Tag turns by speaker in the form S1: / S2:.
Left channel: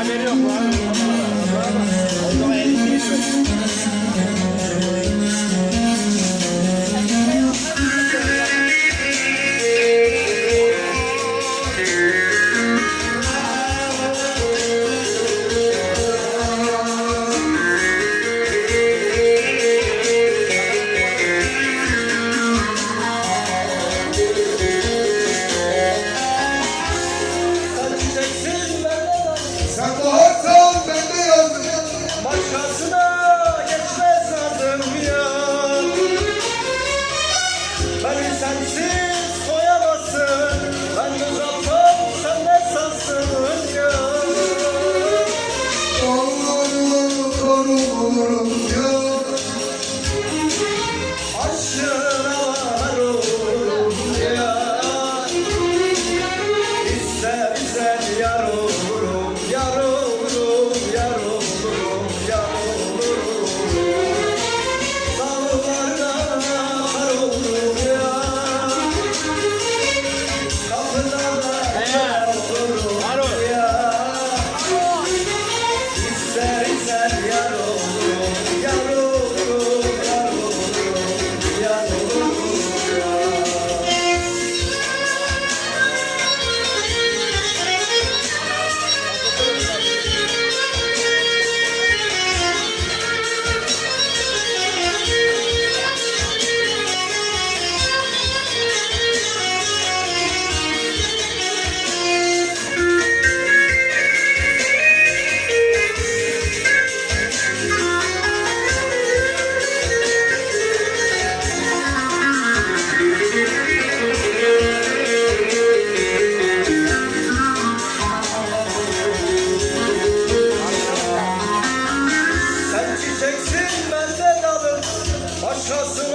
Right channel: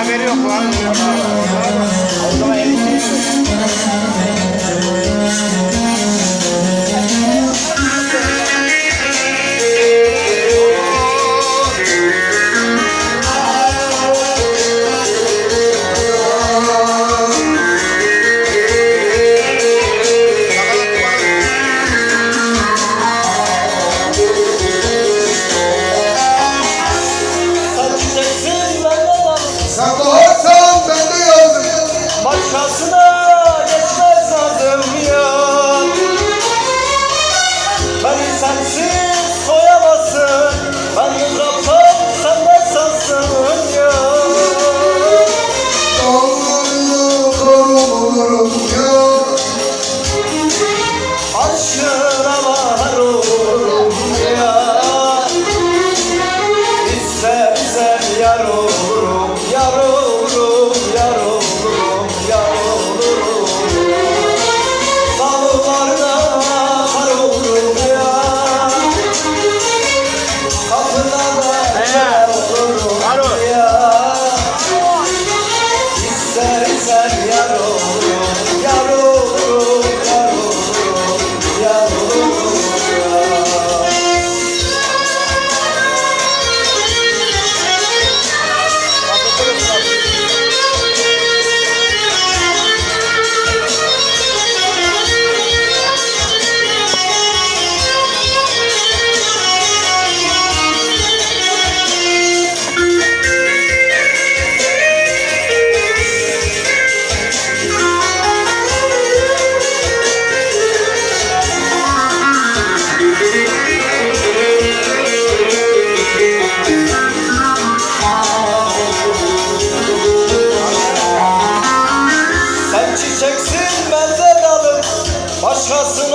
S1: haberi yok lan.
S2: Czasem